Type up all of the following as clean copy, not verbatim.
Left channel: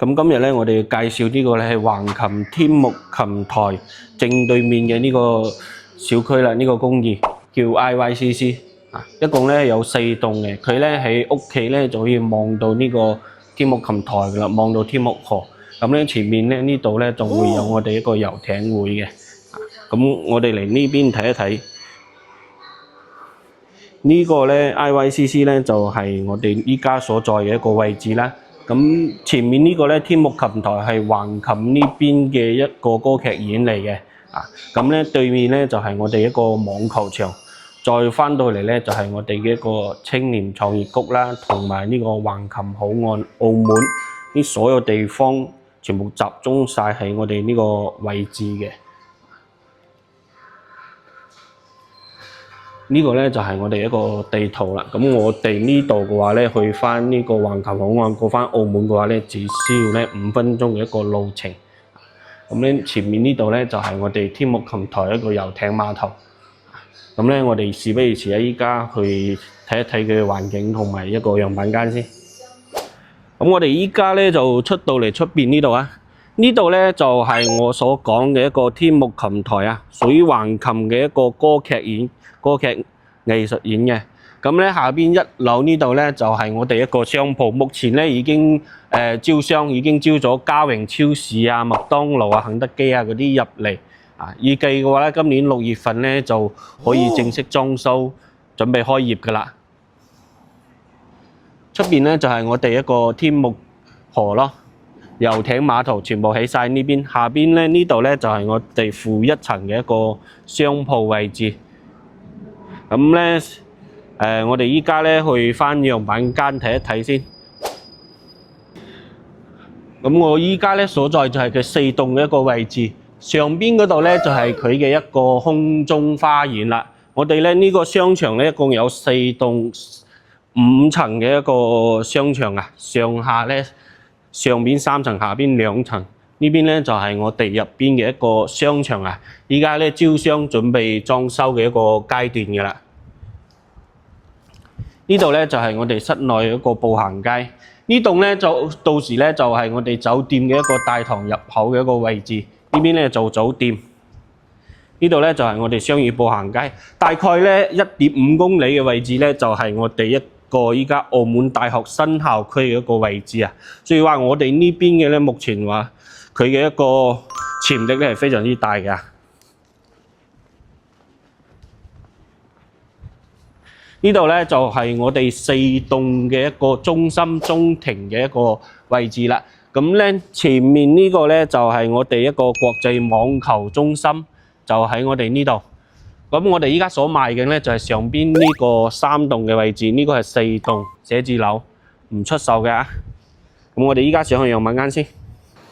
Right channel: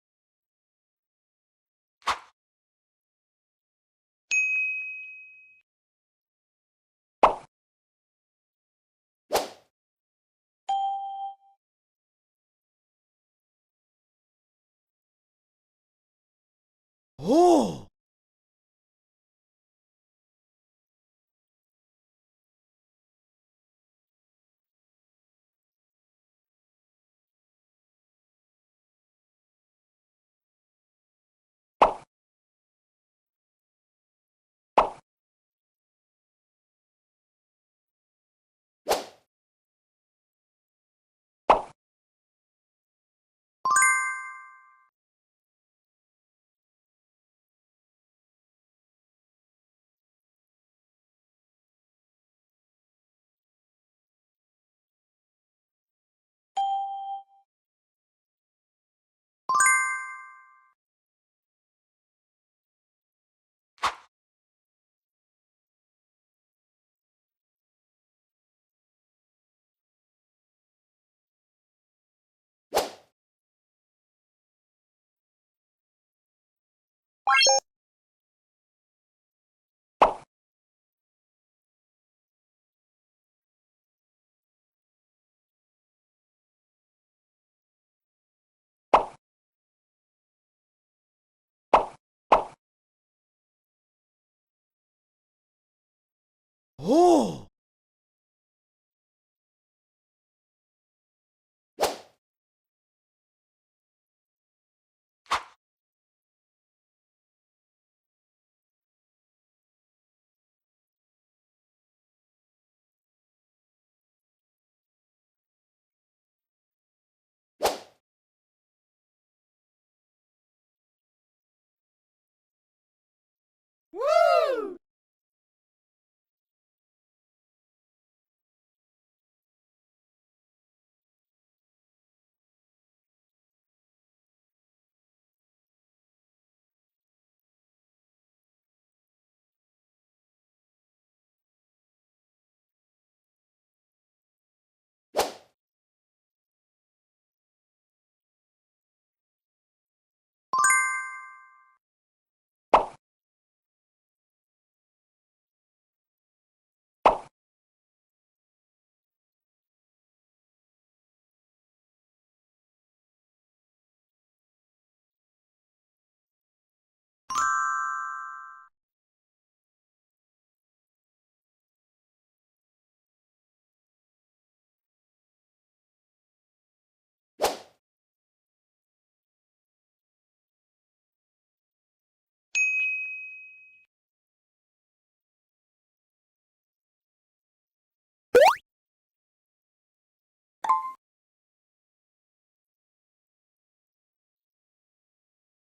咁今日咧，我哋介紹呢個咧係橫琴天目琴台正對面嘅呢個小區啦，呢個公寓叫 IYCC 啊，一共咧有4棟嘅。佢咧喺屋企咧就可以望到呢個天目琴台噶啦，望到天目河。咁咧前面咧呢度咧就會有我哋一個遊艇會嘅。咁我哋嚟呢邊睇一睇。呢個咧 IYCC 咧就係我哋依家所在嘅一個位置啦。咁前面呢個咧天目琴台係橫琴呢邊嘅一個歌劇院嚟嘅，咁咧對面咧就係我哋一個網球場，再翻到嚟咧就係我哋嘅一個青年創業谷啦，同埋呢個橫琴口岸澳門啲所有地方全部集中晒喺我哋呢個位置嘅。呢個咧就係我哋一個地圖啦。咁我哋呢度嘅話咧，去翻呢個橫琴口岸過翻澳門嘅話咧，只需要咧5分鐘嘅一個路程。咁咧前面呢度咧就係我哋天目琴台一個遊艇碼頭。咁咧我哋事不宜遲啊，依家去睇一睇佢嘅環境同埋一個樣板間先。咁我哋依家咧就出到嚟出邊呢度啊。呢度咧就係我所講嘅一個天目琴台啊，屬於橫琴嘅一個歌劇院。歌劇藝術院嘅，咁咧下邊1樓呢度咧就係我哋一個商鋪，目前咧已經招商，已經招咗家榮超市啊、麥當勞啊、肯德基啊嗰啲入嚟啊。預計嘅話咧，今年6月份咧就可以正式裝修，準備開業噶啦。出邊咧就係我哋一個天目河咯，遊艇碼頭全部喺晒呢邊。下邊咧呢度咧就係我哋負1層嘅一個商鋪位置。咁咧，我哋依家咧去翻樣板間睇一睇先。咁我依家咧所在就係佢4棟嘅一個位置，上邊嗰度咧就係佢嘅一個空中花園啦。我哋咧呢個商場咧一共有4棟5層嘅一個商場啊，上下咧上邊3層，下邊2層。呢邊咧就係我哋入邊嘅一個商場啊，依家咧招商準備裝修嘅一個階段嘅啦。呢度咧就係我哋室內一個步行街，呢棟咧就到時咧就係我哋酒店嘅一個大堂入口嘅一個位置。呢邊咧做酒店，呢度咧就係我哋商業步行街，大概咧1.5公里嘅位置咧就係我哋一個依家澳門大學新校區嘅一個位置啊。所以話我哋呢邊嘅咧目前話佢嘅一個潛力咧係非常之大嘅。呢度咧就係我哋4棟嘅一個中心中庭嘅一個位置啦。咁咧前面呢個咧就係我哋一個國際網球中心，就喺我哋呢度。咁我哋依家所賣嘅咧就係上邊呢個3棟嘅位置，呢個係4棟寫字樓，唔出售嘅啊。咁我哋依家上去樣板間先。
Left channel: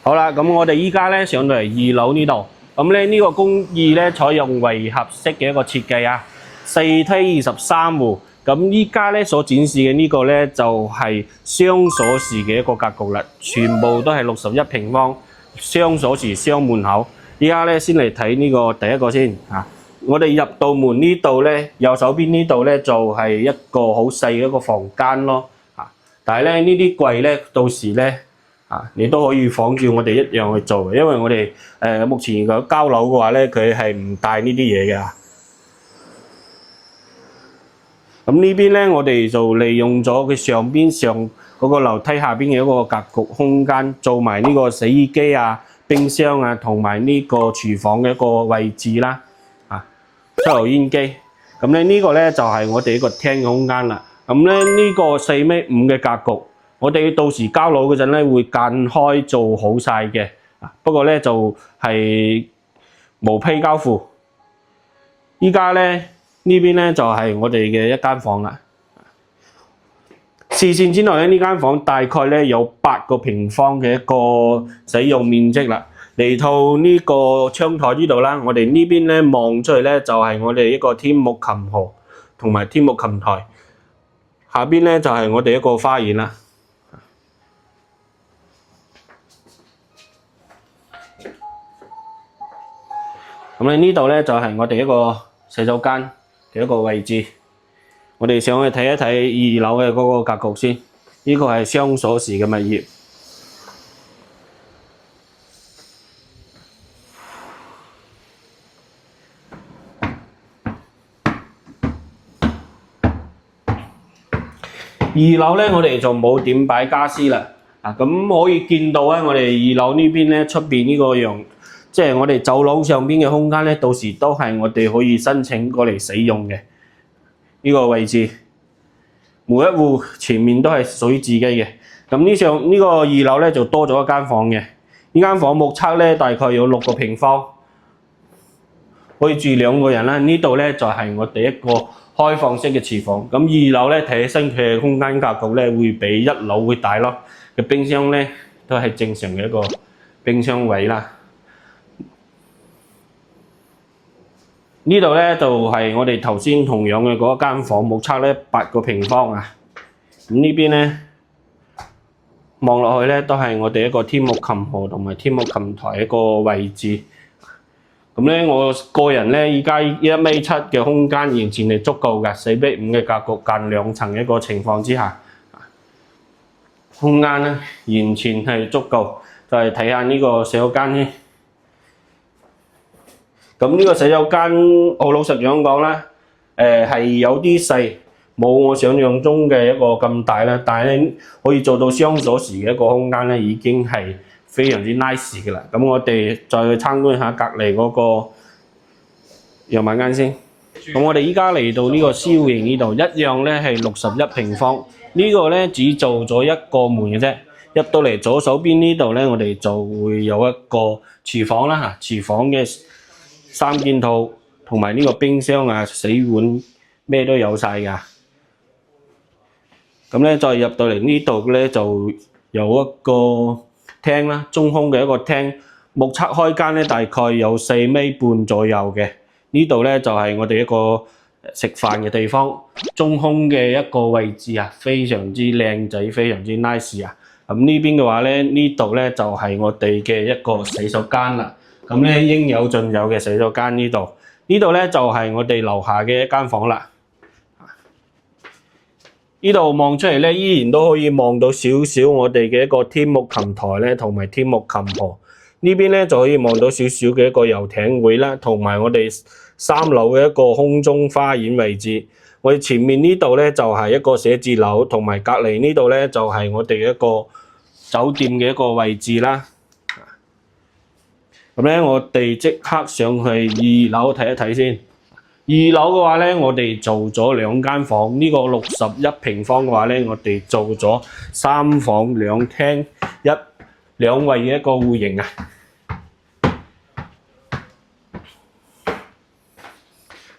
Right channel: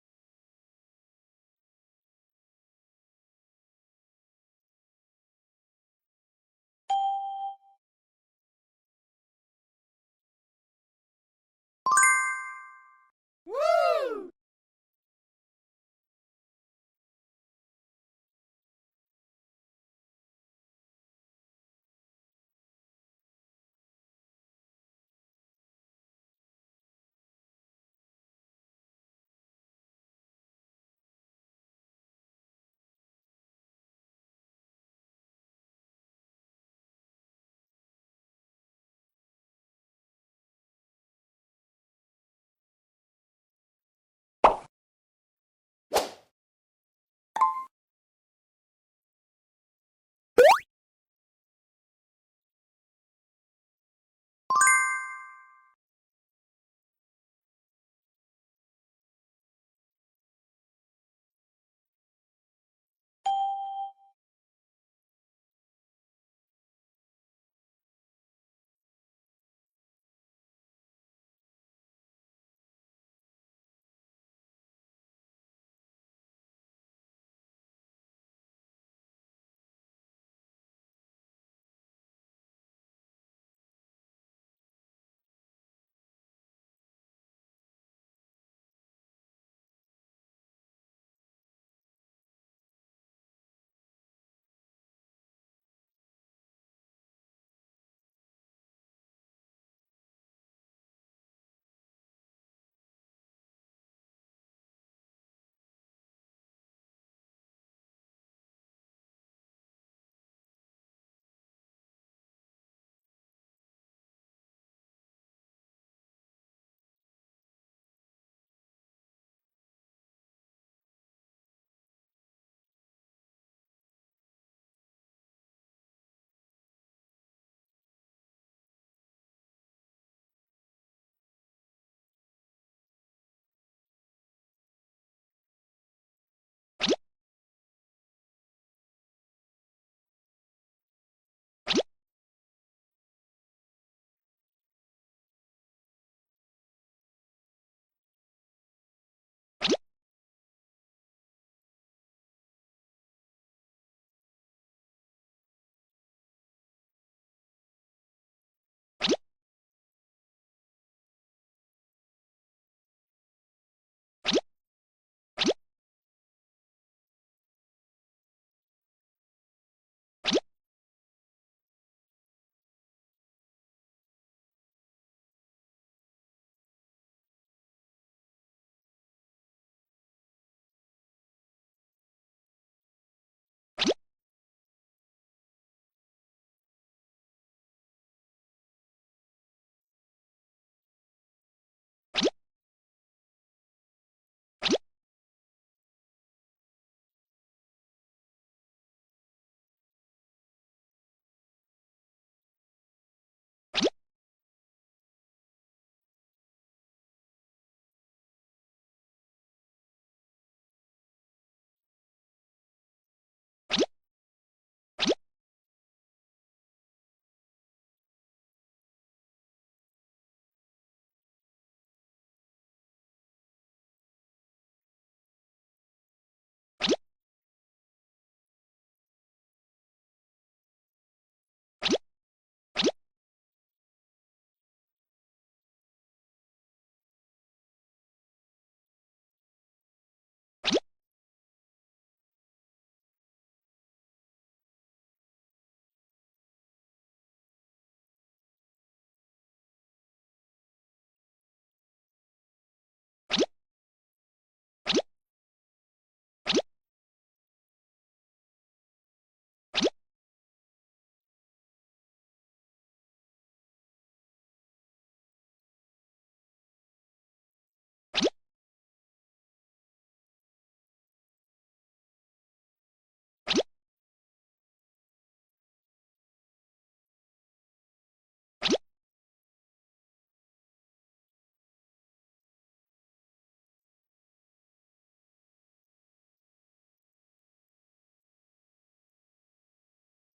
好啦，咁我哋依家咧上到嚟2樓呢度。咁咧呢個公寓咧採用圍合式嘅一個設計啊。4梯23戶，咁依家咧所展示嘅呢個咧就係雙鎖匙嘅一個格局啦，全部都係61平方，雙鎖匙雙門口。依家咧先嚟睇呢個第一個先嚇。我哋入到門呢度咧，右手邊呢度咧就係一個好細嘅一個房間咯嚇。但係咧呢啲櫃咧到時咧你都可以仿照我哋一樣去做嘅，因為我哋目前個交樓嘅話咧，佢係唔帶呢啲嘢嘅。咁呢邊咧，我哋就利用咗佢上嗰個樓梯下邊嘅一個格局空間，做埋呢個洗衣機啊、冰箱啊，同埋呢個廚房嘅一個位置啦，抽油煙機。咁咧呢個咧就係我哋一個廳嘅空間啦。咁咧呢個4.5米嘅格局，我哋到時交樓嗰陣咧會間開做好晒嘅。不過咧就係無批交付。依家咧。呢邊咧就係我哋嘅一間房啦。視線之內咧，呢間房大概咧有8個平方嘅一個使用面積啦。嚟到呢個窗台呢度啦，我哋呢邊咧望出去咧就係我哋一個天目琴河同埋天目琴台。下邊咧就係我哋一個花園啦。咁咧呢度咧就係我哋一個洗手間嘅一個位置，我哋上去睇一睇2樓嘅嗰個格局先。呢個係雙鎖匙嘅物業。樓咧，我哋就冇點擺家私啦。咁可以見到咧，我哋2樓呢邊咧，出邊呢個樣，即係我哋走廊上邊嘅空間咧，到時都係我哋可以申請過嚟使用嘅呢個位置。每一戶前面都係屬於自己嘅。咁呢個2樓咧就多咗一間房嘅。呢間房目測咧大概有6個平方，可以住2個人啦。呢度咧就係我哋一個開放式嘅廚房。咁2樓咧睇起身佢嘅空間格局咧會比1樓會大咯。嘅冰箱咧都係正常嘅一個冰箱位啦。呢度咧就係我哋頭先同樣嘅嗰間房，目測咧8個平方啊。咁呢邊咧望落去咧都係我哋一個天幕琴河同埋天幕琴台一個位置。咁咧我個人咧依家1.7米嘅空間完全係足夠嘅，4比5嘅格局間2層一個情況之下，空間咧完全係足夠。就係睇下呢個洗手間咧。咁呢個洗手間好老實講講啦，係有啲細，冇我想象中嘅一個咁大啦。但係咧可以做到雙鎖匙嘅一個空間咧，已經係非常之 nice 嘅啦。咁我哋再去參觀下隔離嗰個陽晚間先。咁我哋依家嚟到呢個 C 型呢度，一樣咧係61平方。呢個咧只做咗1個門嘅啫。入到嚟左手邊呢度咧，我哋就會有一個廚房啦嚇，廚房嘅3件套同埋呢個冰箱啊、洗碗咩都有晒㗎。咁咧再入到嚟呢度咧就有一個廳啦，中空嘅一個廳，目測開間咧大概有4.5米左右嘅。呢度咧就係我哋一個食飯嘅地方，中空嘅一個位置啊，非常之靚仔，非常之 nice 啊。咁呢邊嘅話咧，呢度咧就係我哋嘅一個洗手間啦。咁咧應有盡有嘅洗手間呢度，呢度咧就係我哋樓下嘅一間房啦。呢度望出嚟咧，依然都可以望到少少我哋嘅一個天幕琴台咧，同埋天幕琴河。呢邊咧就可以望到少少嘅一個遊艇會啦，同埋我哋3樓嘅一個空中花園位置。我哋前面呢度咧就係一個寫字樓，同埋隔離呢度咧就係我哋一個酒店嘅一個位置啦。咁咧，我哋即刻上去2樓睇一睇先。2樓嘅話咧，我哋做咗2間房。呢個61平方嘅話咧，我哋做咗3房2廳2衛嘅一個戶型啊。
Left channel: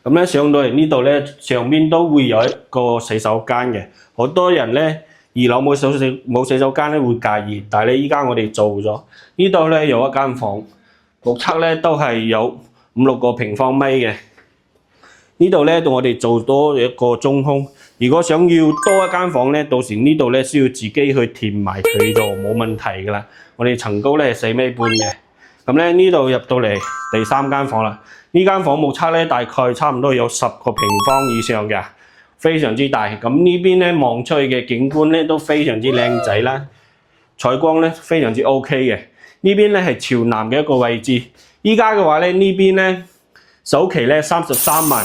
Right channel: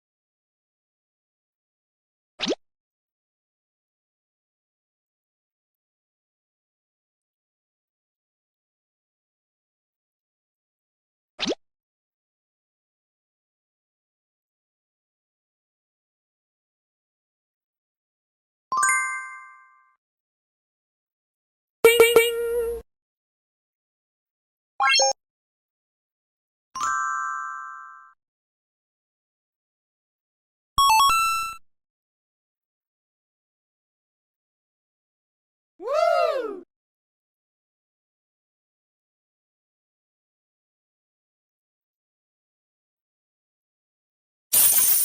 咁咧上到嚟呢度咧，上邊都會有一個洗手間嘅。好多人咧2樓冇洗手間咧會介意，但係咧依家我哋做咗。呢度咧有一間房。目測咧都係有5-6個平方米嘅。呢度咧我哋做多一個中空。如果想要多一間房咧，到時呢度咧需要自己去填埋佢就冇問題㗎啦。我哋層高咧係4.5米嘅。咁咧呢度入到嚟第3間房啦。呢間房目測咧大概差唔多有10個平方以上嘅，非常之大。咁呢邊咧望出去嘅景觀咧都非常之靚仔啦，採光咧非常之 OK 嘅。呢邊咧係朝南嘅一個位置，依家嘅話咧呢邊咧首期咧33萬，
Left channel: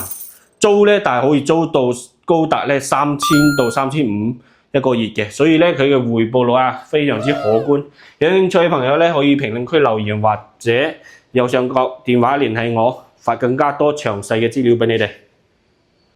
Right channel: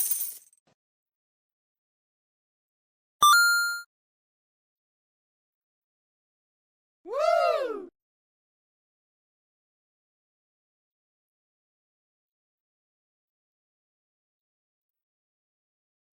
租咧但係可以租到高達咧3000到3500一個月嘅，所以咧佢嘅回報率啊非常之可觀。有興趣嘅朋友咧可以評論區留言或者右上角電話聯繫我，發更加多詳細嘅資料俾你哋。